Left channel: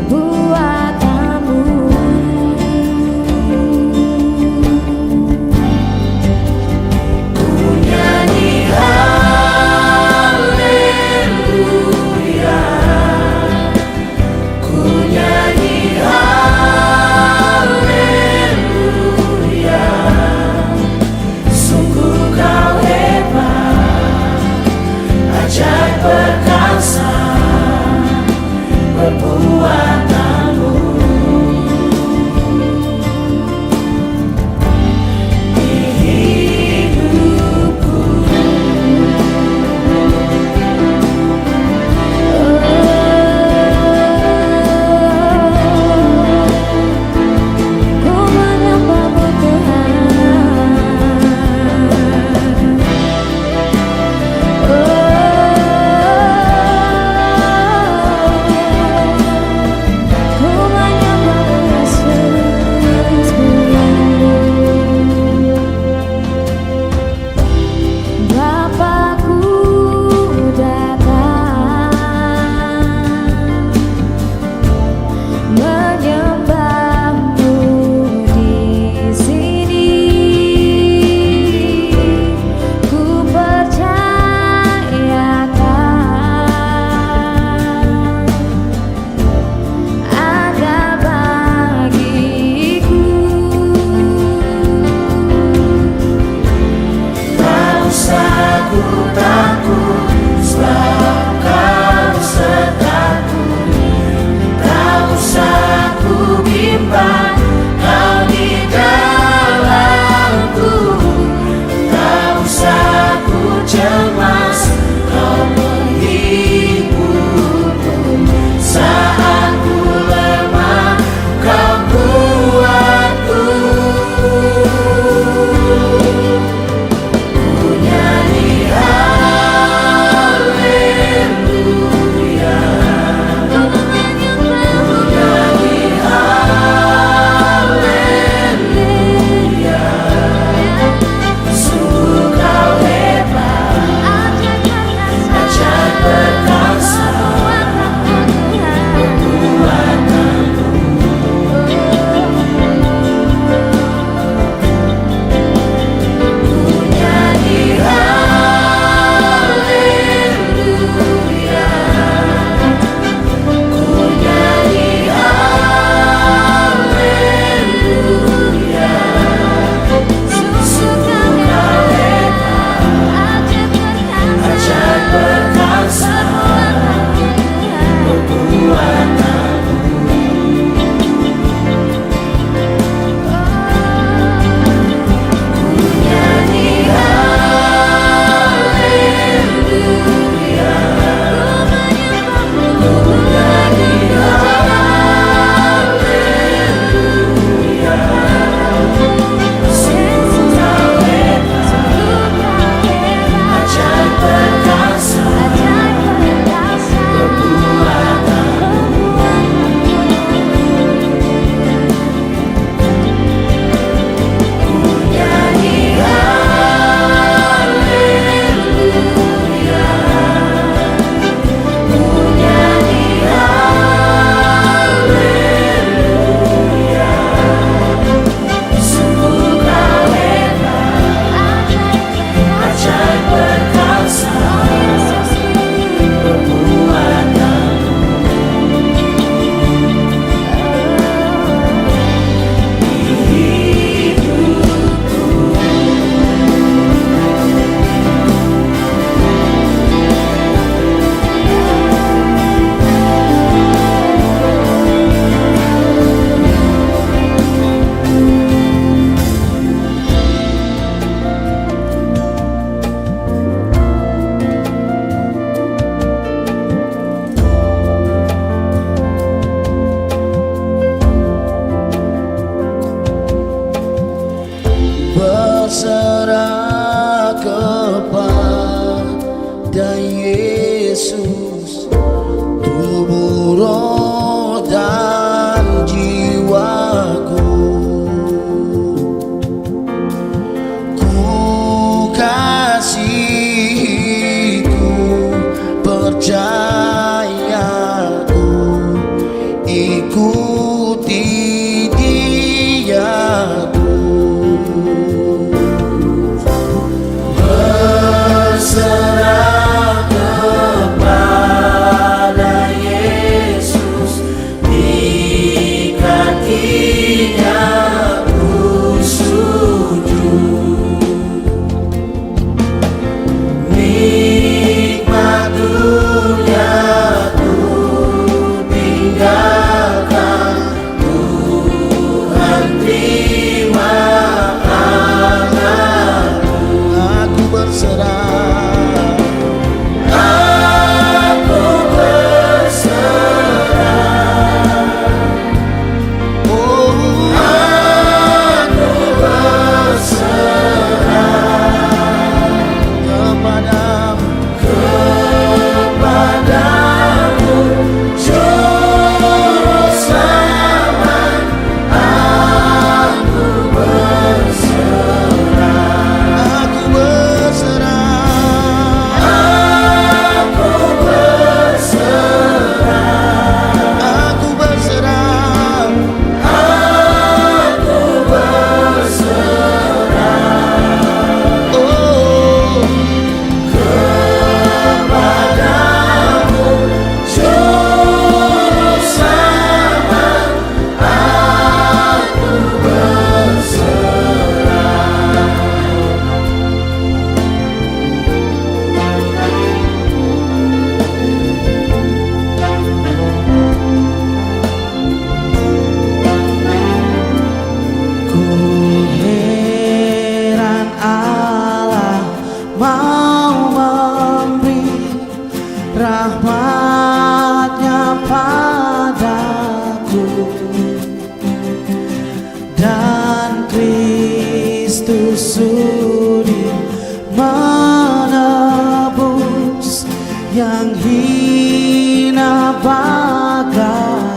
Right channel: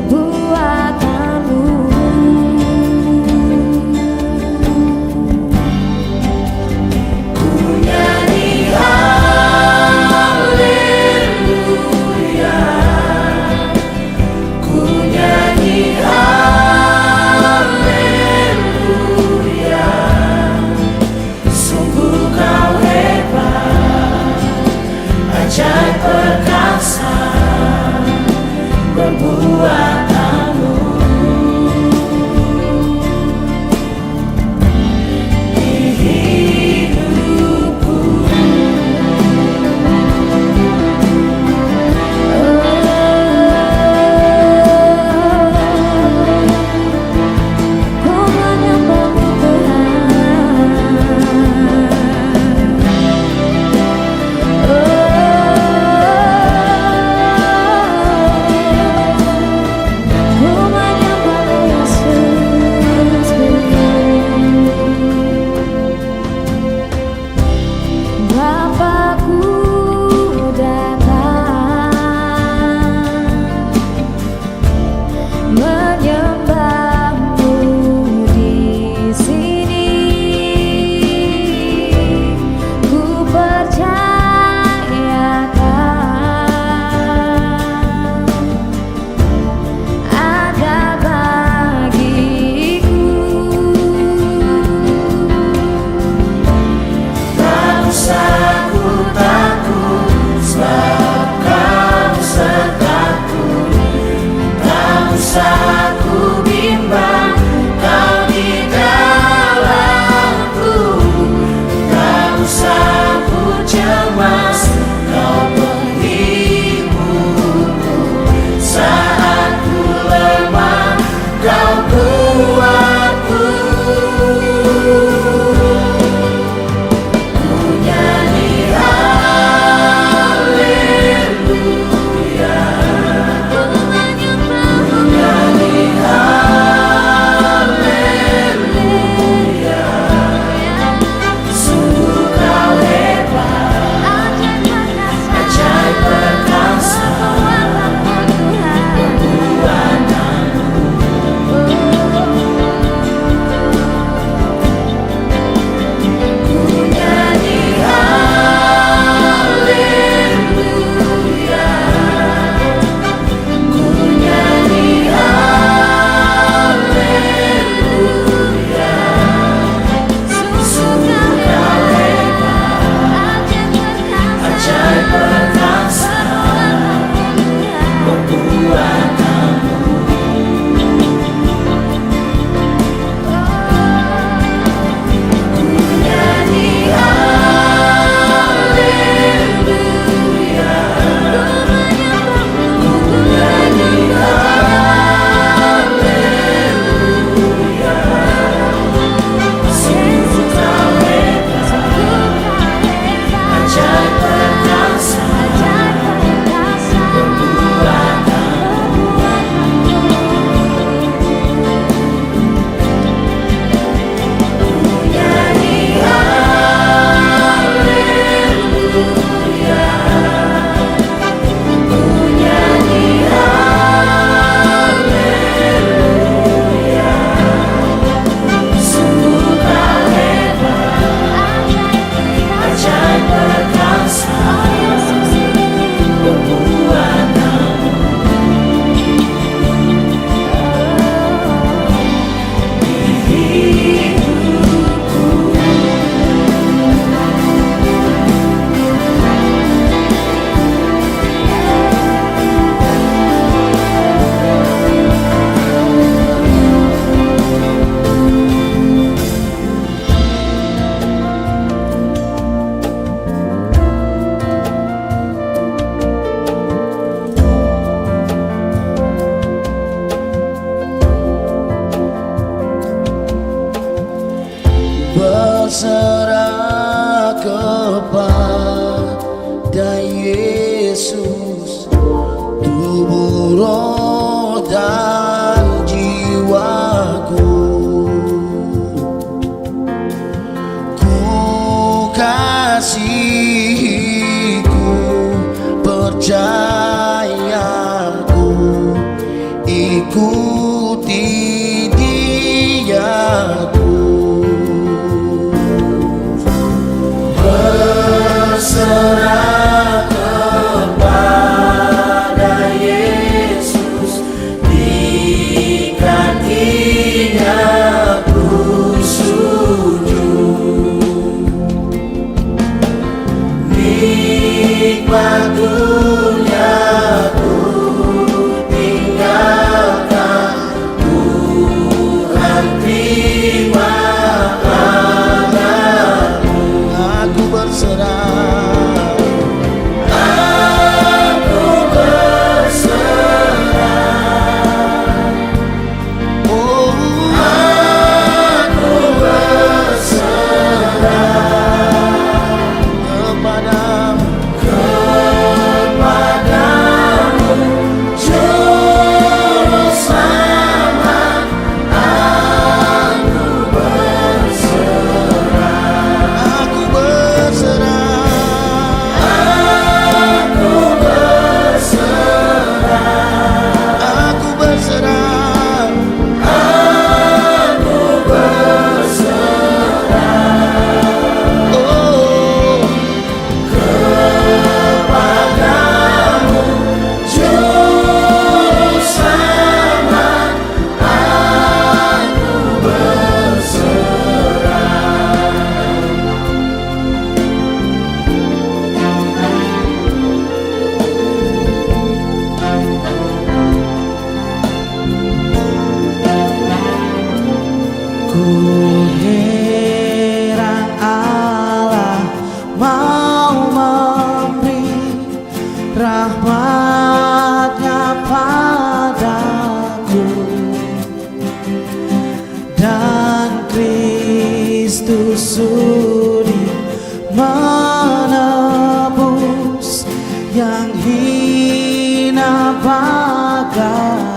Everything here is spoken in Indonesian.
perbuatanmu. Ku nyanyi haleluya, ku nyanyi haleluya. Sungguh kau hebat, ajaib perkasa perbuatanmu. Di hidupku, ku menyembahmu Tuhan. Ku menyembahmu Yesusku. Bapakku datang menyembahmu di sini. Ku percayakan ada bagiku. Tak usah ku takut, sebab kau sertaku. Tak usah ku bimbang, kau di dalamku. Tak usah ku cemas, kau penghiburku. Saat ku lemah, kau kuatku. Ku nyanyi haleluya, ku menyembahmu. Ku nyanyi haleluya. Sungguh kau hebat, ajaib perkasa perbuatanmu Tuhan. Ku nyanyi haleluya, ku nyanyi haleluya. Sungguh kau hebat, ajaib perkasa perbuatanmu Tuhan. Ku nyanyi haleluya, ku menyembahmu. Ku nyanyi haleluya. Sungguh kau hebat, ajaib perkasa perbuatanmu. Ku nyanyi haleluya, ku nyanyi haleluya. Sungguh kau hebat, ajaib perkasa perbuatanmu. Di hidupku, berserah kepada Yesus, tubuh, roh, dan jiwaku. Ku kasihiku, percayaku, ikuti Dia terus, berserah kepada Yesus, di kakinya ku sujud. Nikmat dunia ku tinggalkan, Tuhan terima tanganmu. Aku berserah, aku berserah, oh aku berserah kepadamu, kepadamu Juru Selamat. Aku berserah, aku berserah, aku berserah, aku berserah, aku berserah, oh kepadamu Juru Selamat. Aku berserah. Ku heran Allah mau memberi rahmat-Nya padaku, dan Kristus sudi menebus yang hina bagai